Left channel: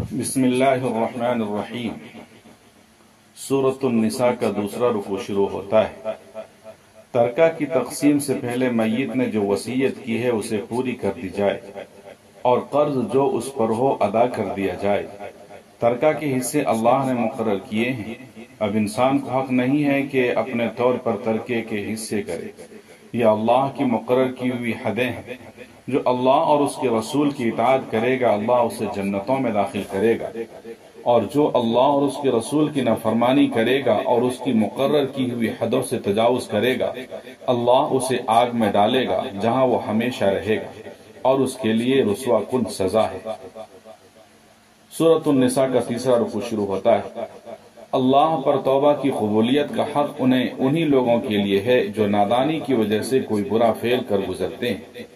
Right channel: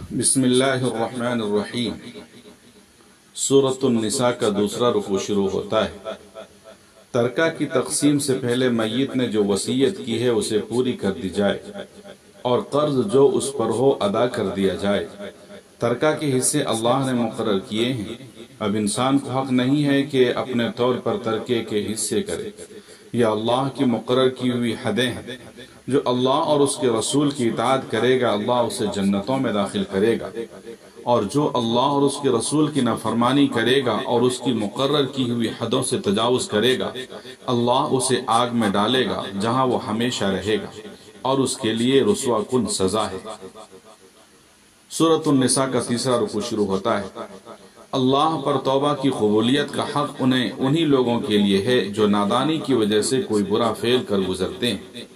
بسم اللہ الرحمن الرحیم۔ سورۃ النساء کا دوسرا رکوع شروع ہوتا ہے۔ ترکہ کی تقسیم سے پہلے میت نے جو وصیت کی ہے اسے پوری کر دی جائے اور قرض جو اس پر ہو ادا کر دیا جائے۔ ترکہ کے حصے اللہ نے مقرر کیے ہیں، اب انسان کو حق نہیں ہے کہ اپنے طور پر ترکے کے حصے کرے۔ یہ اللہ کی مقرر کی ہوئی حدیں ہیں۔ جو اللہ اور اس کے رسول کی اطاعت کرے گا اللہ اسے جنتوں میں داخل کرے گا، اور جو اللہ اور اس کے رسول کی نافرمانی کرے گا اور اس کی مقرر کی ہوئی حدوں سے تجاوز کرے گا اللہ اسے آگ میں ڈالے گا جہاں وہ ہمیشہ رہے گا، اور اس کے لیے رسوا کن سزا ہے۔ سورۃ النساء کا تیسرا رکوع شروع ہوتا ہے۔ اللہ پر توبہ کی قبولیت کا حق انہی لوگوں کے لیے ہے جو نادانی کی وجہ سے کوئی برا فعل کر گزرتے ہیں۔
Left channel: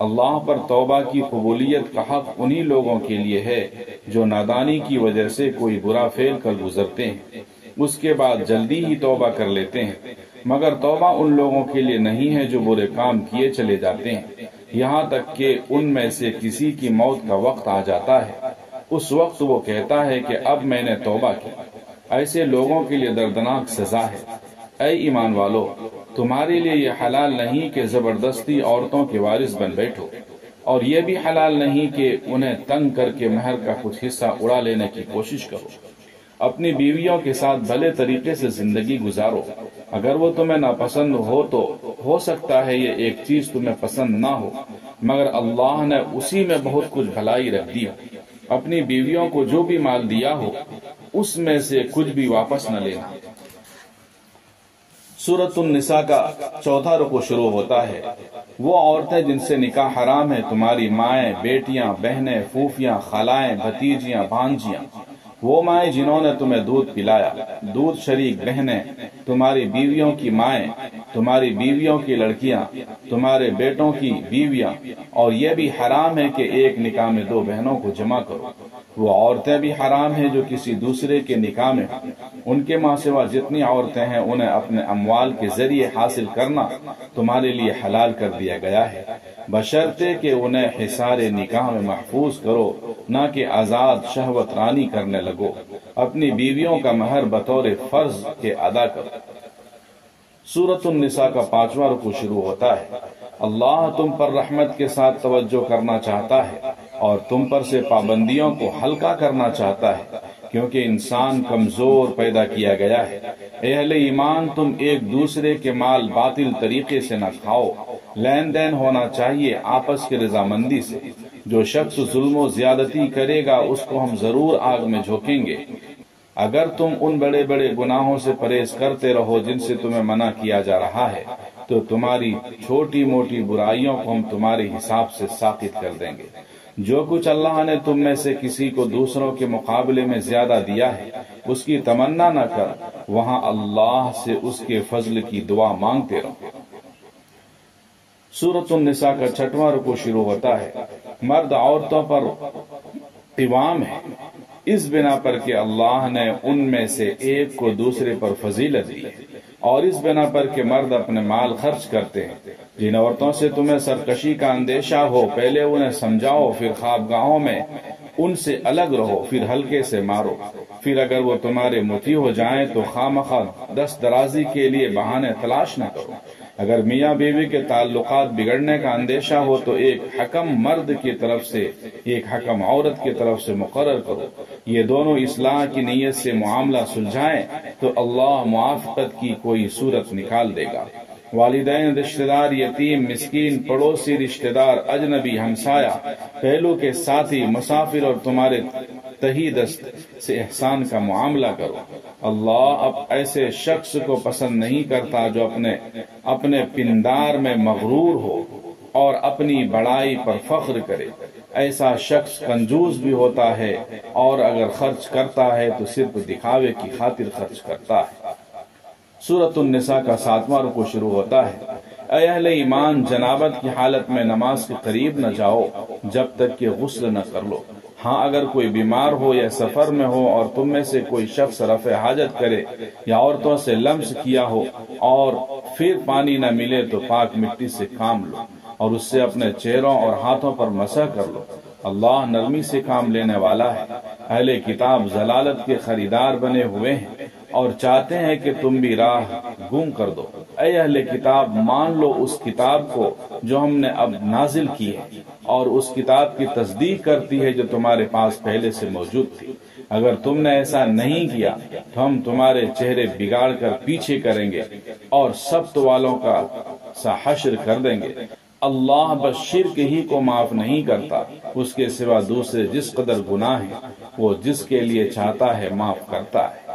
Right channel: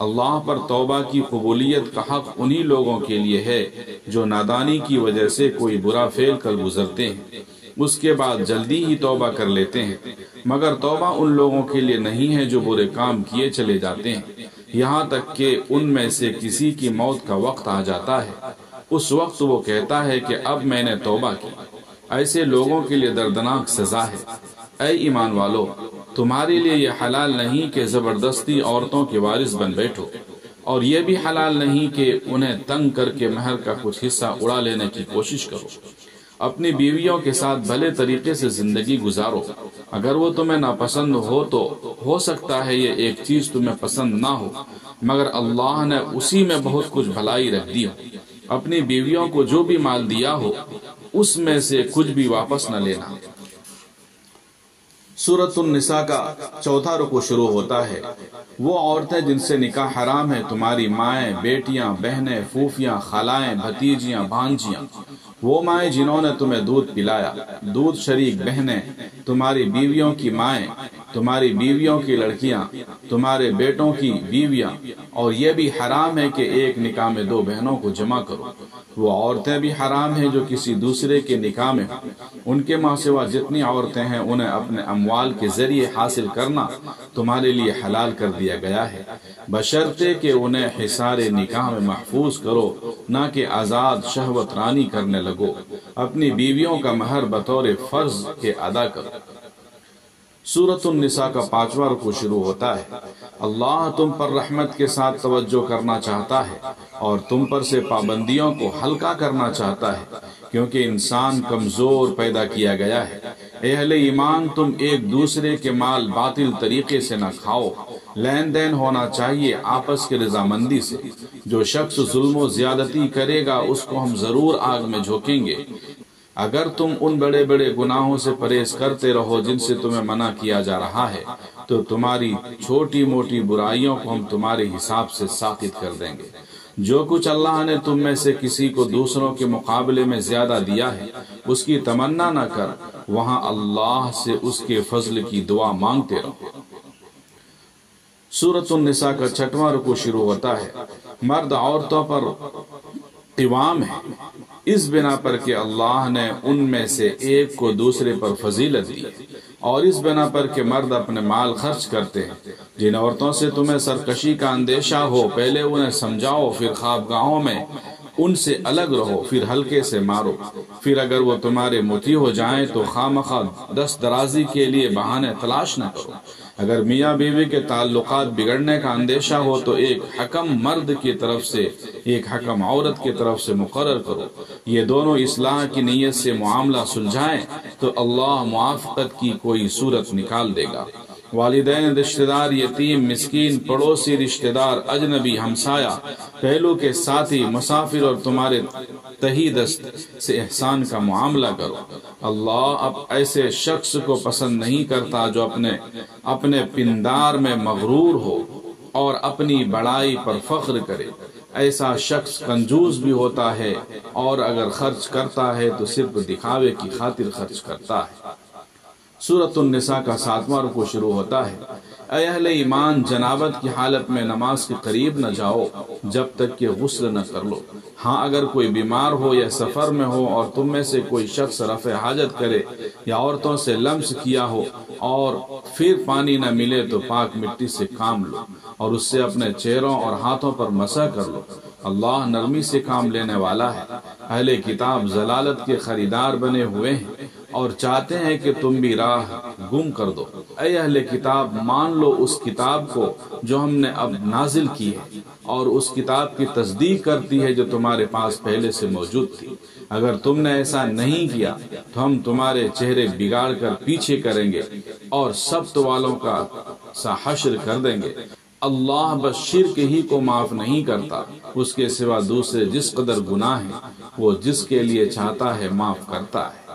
اللہ پر توبہ کی قبولیت کا حق انہی لوگوں کے لیے ہے جو نادانی کی وجہ سے کوئی برا فعل کر گزرتے ہیں، اس کے بعد جلدی ہی توبہ کر لیتے ہیں، مگر توبہ ان لوگوں کے لیے نہیں ہے جو برے کام کیے چلے جاتے ہیں یہاں تک کہ ان میں سے کسی کی موت کا وقت آ جاتا ہے۔ اس وقت وہ کہتا ہے کہ اب میں نے توبہ کی۔ ایسے لوگوں کے لیے دردناک سزا ہے۔ اے ایمان والو، تمہارے لیے یہ حلال نہیں کہ زبردستی عورتوں کے وارث بن بیٹھو، اور یہ بھی حلال نہیں کہ انہیں تنگ کر کے مہر کا کچھ حصہ اڑا لینے کی کوشش کرو۔ اپنی بیویوں کے ساتھ بھلے طریقے سے زندگی گزارو۔ اگر وہ تمہیں ناپسند ہو تو ہو سکتا ہے یہ ایک چیز تمہیں پسند نہ ہو، مگر اللہ نے اسی میں بہت کچھ بھلائی رکھ دی۔ اپنی بیویوں کو جو بھی مال دیا ہو اس میں سے کچھ بھی واپس نہ لینا۔ سورۃ النساء کا چوتھا رکوع شروع ہوتا ہے۔ وہ عورتیں جن سے نکاح حرام ہے تمہاری مائیں، بیٹیاں، بہنیں، پھوپھیاں، خالائیں، بھتیجیاں، بھانجیاں، وہ مائیں جنہوں نے تمہیں دودھ پلایا، دودھ شریک بہنیں، تمہاری بیویوں کی مائیں، تمہاری بیویوں کی لڑکیاں، تمہارے بیٹوں کی بیویاں، اور یہ بھی حرام ہے کہ ایک نکاح میں دو بہنوں کو جمع کرو۔ وہ عورتیں بھی حرام ہیں جو کسی دوسرے کے نکاح میں ہوں۔ ان کے ماں سوا جتنی عورتیں ہیں انہیں اپنے اموال کے ذریعے حاصل کرنا تمہارے لیے حلال کر دیا گیا ہے، بشرطے کہ انہیں حصار نکاح میں محفوظ کرو، نہ کہ آزاد شہوت رانی کرنے لگو۔ اپنی بیویوں کا مہر بطور فرض کے ادا کرو۔ سورۃ النساء کا پانچواں رکوع شروع ہوتا ہے۔ اللہ تم پر رحمت کے ساتھ توجہ کرنا چاہتا ہے اور تم پر سے پابندیوں کو ہلکا کرنا چاہتا ہے، کیونکہ انسان کمزور پیدا کیا گیا ہے۔ اے اہل ایمان، تم ایک دوسرے کے مال باطل طریقے سے نہ کھاؤ۔ لین دین ہونا چاہیے آپس کی رضامندی سے۔ جو شخص ظلم و زیادتی کرے گا اس کو ہم ضرور آگ میں جھونکیں گے۔ اگر تم ان بڑے بڑے گناہوں سے پرہیز کرتے رہو جن سے تمہیں منع کیا جا رہا ہے تو تمہاری چھوٹی موٹی برائیوں کو ہم تمہارے حساب سے ساقط کر دیں گے۔ جو کچھ اللہ نے تم میں سے کسی کو دوسروں کے مقابلے میں زیادہ دیا ہے اس کی تمنا نہ کر، وہاں اللہ سے اس کے فضل کی دعا مانگتے رہو۔ سورۃ النساء کا چھٹواں رکوع شروع ہوتا ہے۔ مرد عورتوں پر قوام ہے اس بنا پر کہ اللہ نے ان میں سے ایک کو دوسرے پر فضیلت دی، اور اس بنا پر کہ مرد اپنے مال خرچ کرتے ہیں۔ جن عورتوں سے تمہیں سرکشی کا اندیشہ ہو پہلے انہیں سمجھاؤ، پھر خوابگاہوں میں ان سے الگ رہو، پھر ہلکے سے مارو۔ پھر اگر وہ تمہارے مطیع ہو جائیں تو خواہ دست درازی کے لیے بہانے تلاش نہ کرو۔ اگر میاں بیوی کے تعلقات بگڑنے کا اندیشہ ہو تو ایک حکم مرد کی طرف سے ایک حکم عورت کی طرف سے مقرر کرو۔ یہ دونوں اصلاح کی نیت سے معاملہ سلجھائیں تو اللہ موافقت کی کوئی صورت نکال دے گا۔ والدین، رشتہ دار، یتیم، مسکین، پڑوسی، رشتہ دار، اجنبی، ہمسایہ، پہلو کے ساتھی، مسافر اور تمہارے تہی دست سے احسان کا معاملہ کرو۔ اللہ اب ایسے شخص کو پسند نہیں کرتا جو اپنے پندار میں مغرور ہو اور اپنی بڑائی پر فخر کرے۔ ایسا شخص کنجوس بھی ہوتا ہے اور اگر خرچ کرتا ہے تو صرف دکھاوے کی خاطر خرچ کرتا ہے۔ سورۃ النساء کا ساتواں رکوع شروع ہوتا ہے۔ اے اہل ایمان، جنابت کی حالت میں نماز کے قریب نہ جاؤ جب تک کہ غسل نہ کر لو۔ ہاں اگر کوئی بیمار ہو یا سفر میں ہو اور تم میں سے کوئی شخص رفع حاجت کرے یا عورتوں سے لمس کیا ہو اور پھر پانی نہ ملے تو پاک مٹی سے کام لو اور اس سے اپنے چہروں اور ہاتھوں پر مسح کر لو، اللہ نرمی سے کام لینے والا ہے۔ اہل کتاب ضلالت کے خریدار بنے ہوئے ہیں اور چاہتے ہیں کہ تم بھی راہ گم کر دو۔ اے اہل کتاب، مان لو اس کتاب کو جو ہم نے اب نازل کی ہے اور اس کتاب کی تصدیق کرتی ہے جو تمہارے پاس پہلے سے موجود تھی۔ اگر تم نے ایسا نہیں کیا تو ہم تمہارے چہرے بگاڑ کر پیچھے کریں گے اور سبت والوں کا سا حشر کر دیں گے۔ اللہ بس شرک ہی کو معاف نہیں کرتا، اس کے سوا دوسرے جس قدر گناہ ہیں وہ جس کے لیے چاہتا ہے معاف کرتا ہے۔